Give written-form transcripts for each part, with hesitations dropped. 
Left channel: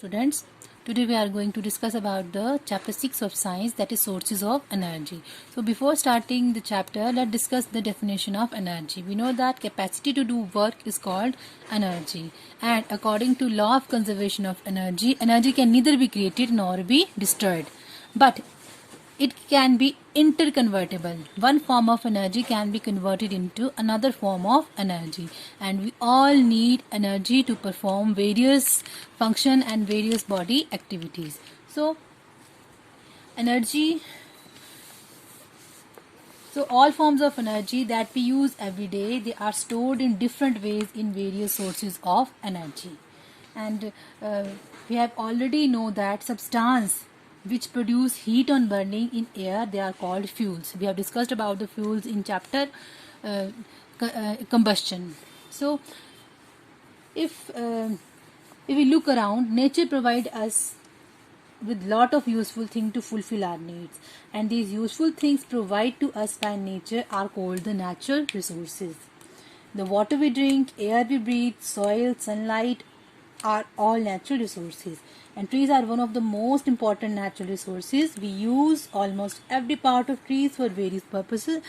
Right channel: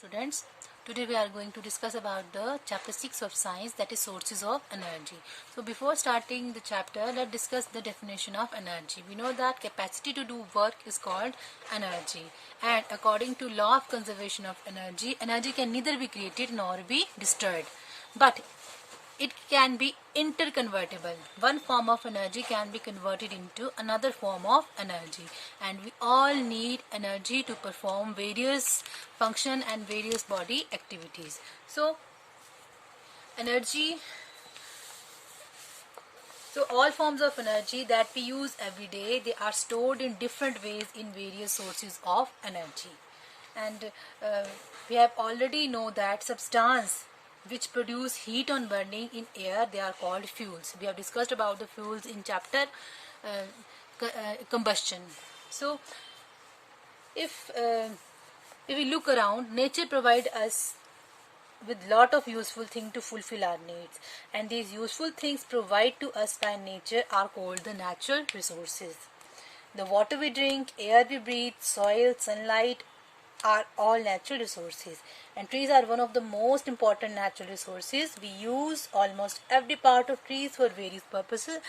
Students, today we are going to discuss about the chapter 6 of science, that is sources of energy. So before starting the chapter, let's discuss the definition of energy. We know that capacity to do work is called energy, and according to law of conservation of energy, energy can neither be created nor be destroyed, but it can be interconvertible. One form of energy can be converted into another form of energy, and we all need energy to perform various function and various body activities. So energy, so all forms of energy that we use every day, they are stored in different ways in various sources of energy. And we have already know that substance which produce heat on burning in air, they are called fuels. We have discussed about the fuels in chapter combustion. So if we look around, nature provide us with lot of useful things to fulfill our needs, and these useful things provided to us by nature are called the natural resources. The water we drink, air we breathe, soil, sunlight are all natural resources, and trees are one of the most important natural resources. We use almost every part of trees for various purposes,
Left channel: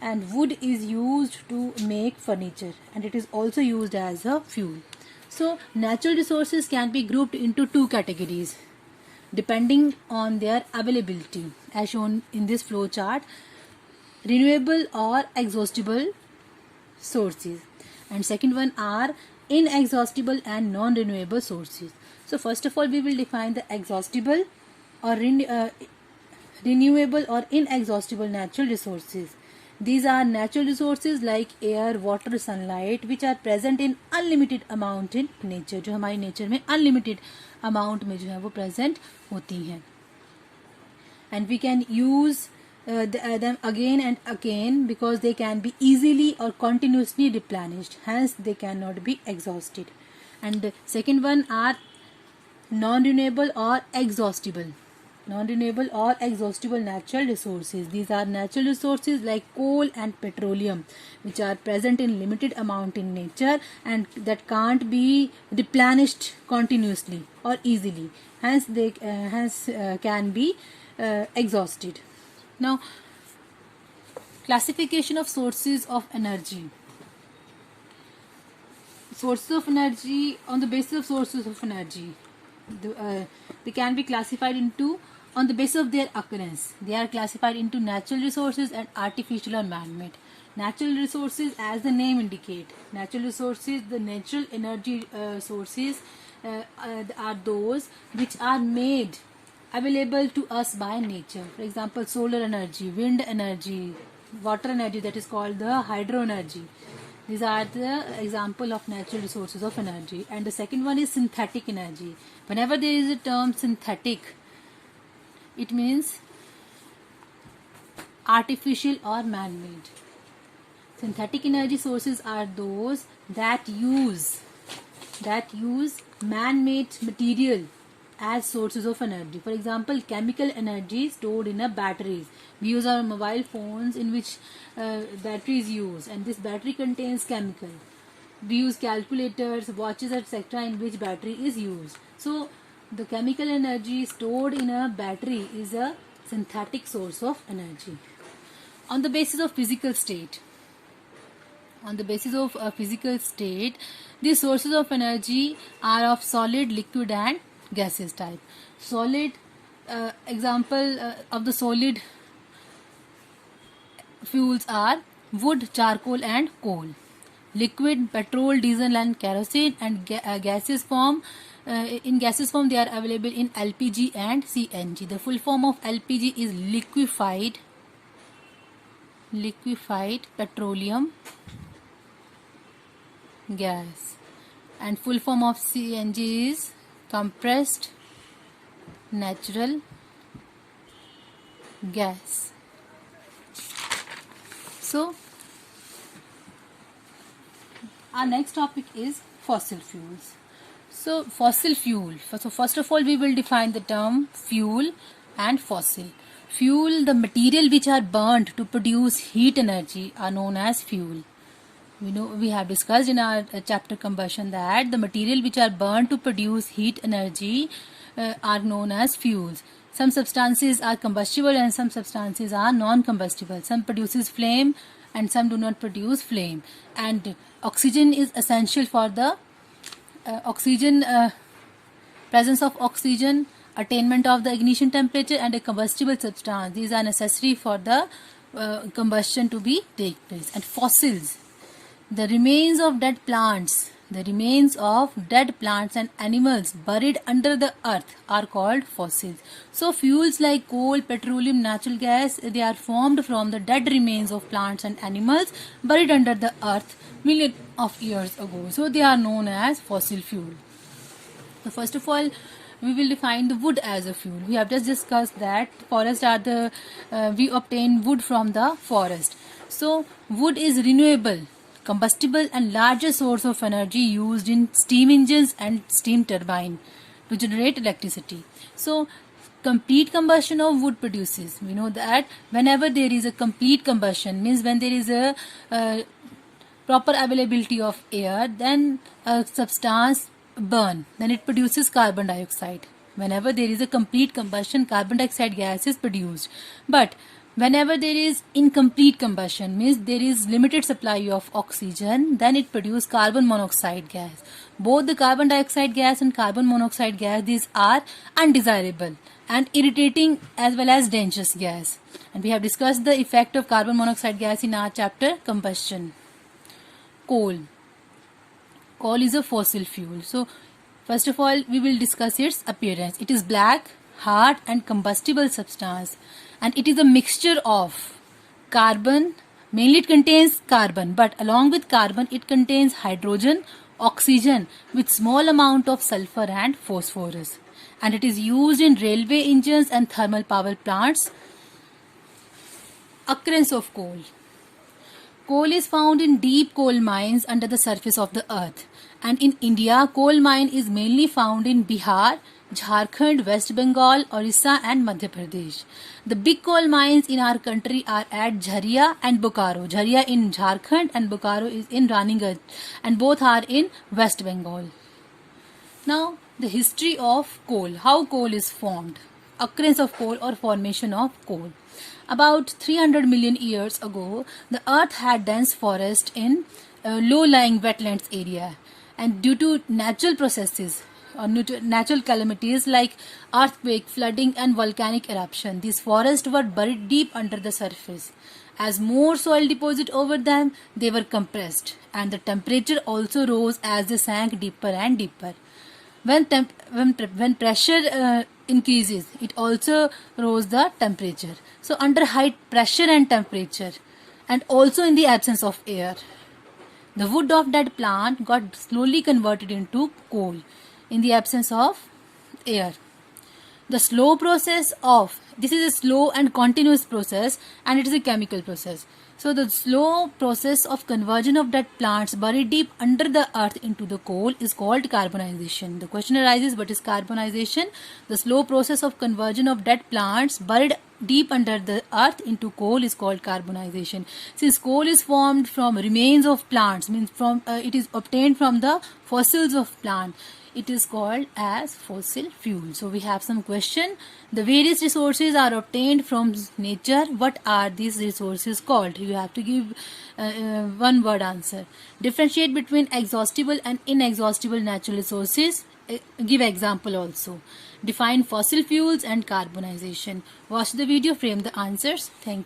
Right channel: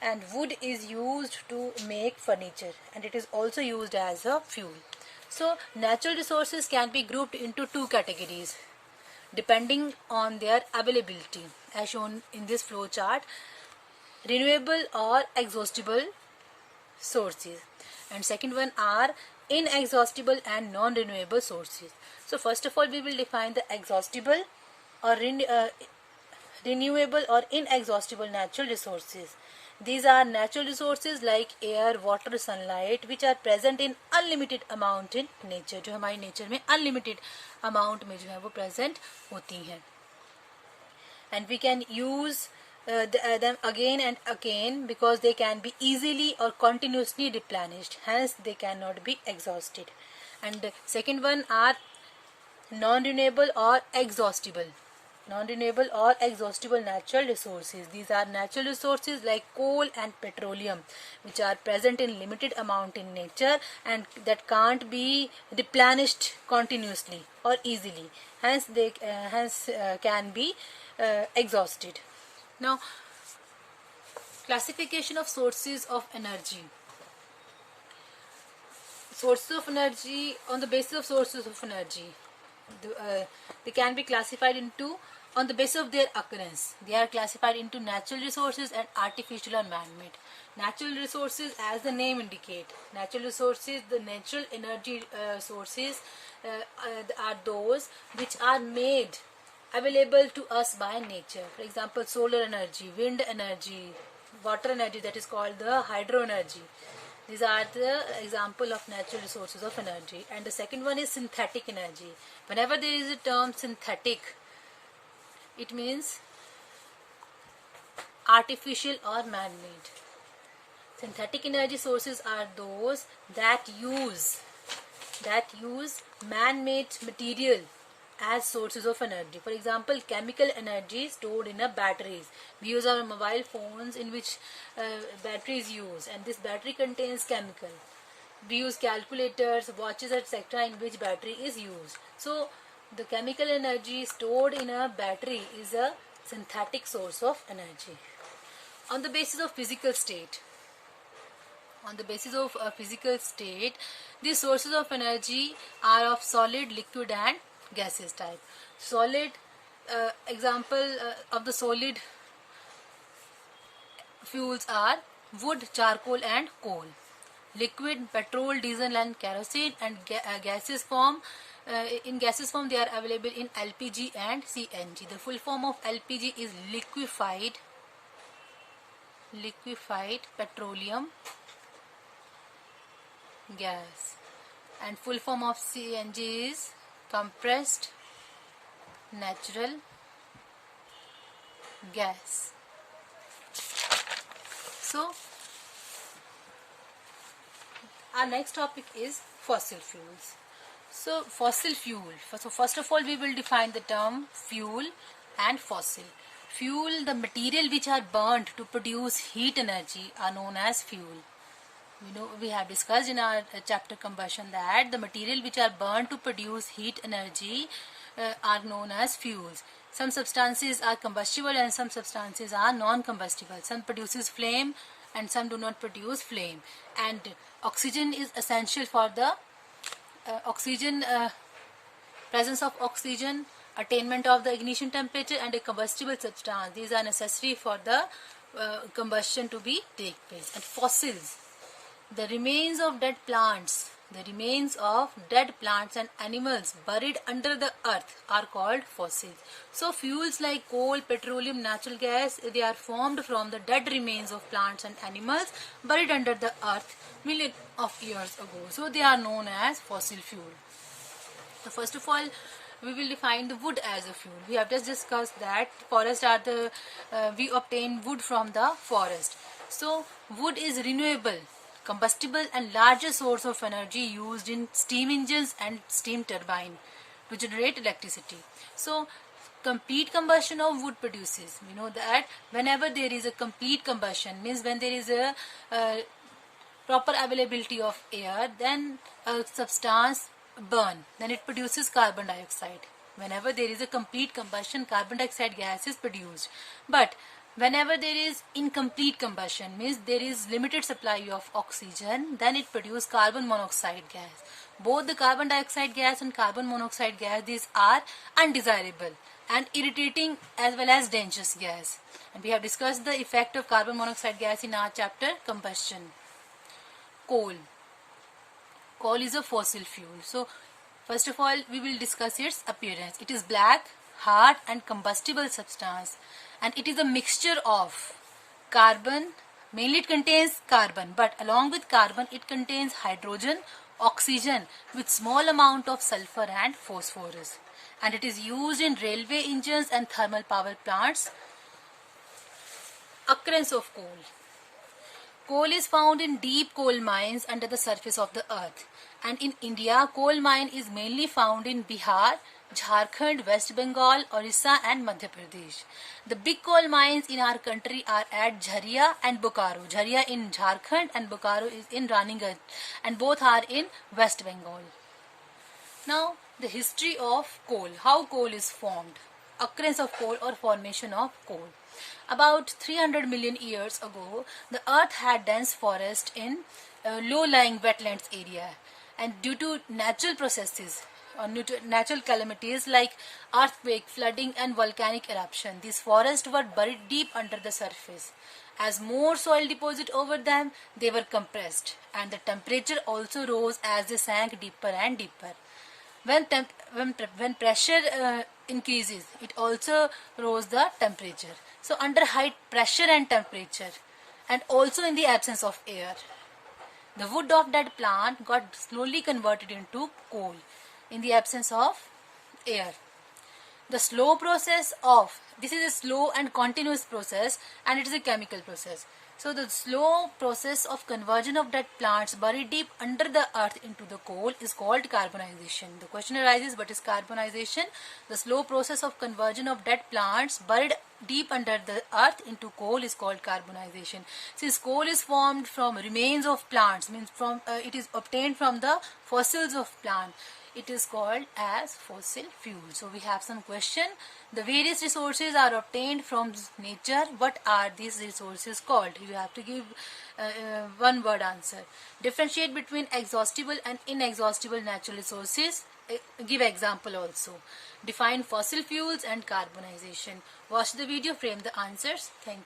and wood is used to make furniture, and it is also used as a fuel. So natural resources can be grouped into two categories depending on their availability, as shown in this flow chart: renewable or exhaustible sources, and second one are inexhaustible and non-renewable sources. So first of all, we will define the exhaustible or renewable or inexhaustible natural resources. These are natural resources like air, water, sunlight, which are present in unlimited amount in nature, जो हमारी nature में unlimited amount में जो है वो present होती हैं, and we can use them again and again because they can be easily or continuously replenished, hence they cannot be exhausted. And second one are non-renewable or exhaustible natural resources. These are natural resources like coal and petroleum, which are present in limited amount in nature and that can't be replenished continuously or easily, hence they can be exhausted. Now, classification of sources of energy. Sources of energy, on the basis of sources of energy, they can be classified into, on the basis of their occurrence, they are classified into natural resources and artificial or man-made. Natural resources, as the name indicate, natural resources, the natural energy sources are those which are made available to us by nature. For example, solar energy, wind energy, water energy, that is called the hydro energy. These are the example of natural resources of energy. And the second one is synthetic energy. Whenever there is a term synthetic, it means artificial or man-made. Synthetic energy sources are those that use man-made material as sources of energy. For example, chemical energy stored in a batteries. We use our mobile phones in which batteries use, and this battery contains chemical. We use calculators, watches, etc., in which battery is used. So the chemical energy stored in a battery is a synthetic source of energy. On the basis of physical state, these sources of energy are of solid, liquid and gaseous type. Solid, example of the solid fuels are wood, charcoal and coal. Liquid, petrol, diesel and kerosene. And gaseous form, in gaseous form they are available in LPG and CNG. The full form of LPG is liquefied petroleum gas, and full form of CNG is compressed natural gas. So our next topic is fossil fuels. So fossil fuel. So first of all, we will define the term fuel and fossil. Fuel, the material which are burnt to produce heat energy, are known as fuel. We have discussed in our chapter combustion that the material which are burned to produce heat energy are known as fuels. Some substances are combustible and some substances are non-combustible. Some produces flame and some do not produce flame. And oxygen is essential for the presence of oxygen, attainment of the ignition temperature, and a combustible substance. These are necessary for the combustion to be take place. And fossils, the remains of dead plants, and animals buried under the earth are called fossils. So fuels like coal, petroleum, natural gas, they are formed from the dead remains of plants and animals buried under the earth millions of years ago. So they are known as fossil fuel. So first of all, we will define the wood as a fuel. We have just discussed that we obtain wood from the forest. So wood is renewable, combustible and largest source of energy used in steam engines and steam turbine to generate electricity. So complete combustion of wood produces. We know that whenever there is a complete combustion, means when there is a proper availability of air, then a substance burn, then it produces carbon dioxide. Whenever there is a complete combustion, carbon dioxide gas is produced. But whenever there is incomplete combustion, means there is limited supply of oxygen, then it produces carbon monoxide gas. Both the carbon dioxide gas and carbon monoxide gas, these are undesirable and irritating as well as dangerous gas. And we have discussed the effect of carbon monoxide gas in our chapter combustion. Coal. Coal is a fossil fuel. So first of all, we will discuss its appearance. It is black, hard and combustible substance, and it is a mixture of carbon. Mainly it contains carbon, but along with carbon it contains hydrogen, oxygen with small amount of sulfur and phosphorus. And it is used in railway engines and thermal power plants. Occurrence of coal. Coal is found in deep coal mines under the surface of the earth. And in India, coal mine is mainly found in Bihar, Jharkhand, West Bengal, Orissa and Madhya Pradesh. The big coal mines in our country are at Jharia and Bokaro. Jharia in Jharkhand and Bokaro is in Ranighat, and both are in West Bengal. Now, the history of coal. How coal is formed. Occurrence of coal or formation of coal. About 300 million years ago, the earth had dense forest in low-lying wetlands area, and due to natural processes or natural calamities like earthquake, flooding and volcanic eruption, these forests were buried deep under the surface. As more soil deposited over them, they were compressed, and the temperature also rose as they sank deeper and deeper. When pressure increases, it also rose the temperature. So under high pressure and temperature, and also in the absence of air, the wood of that plant got slowly converted into coal in the absence of air. The slow process of, this is a slow and continuous process, and it is a chemical process. So the slow process of conversion of dead plants buried deep under the earth into the coal is called carbonization. The question arises, what is carbonization? The slow process of conversion of dead plants buried deep under the earth into coal is called carbonization. Since coal is formed from remains of plants, means it is obtained from the fossils of plant, it is called as fossil fuel. So we have some question. The various resources are obtained from nature. What are these resources called? You have to give one word answer. Differentiate between exhaustible and inexhaustible natural resources. Give example also. Define fossil fuels and carbonization. Watch the video, frame the answers. Thank you.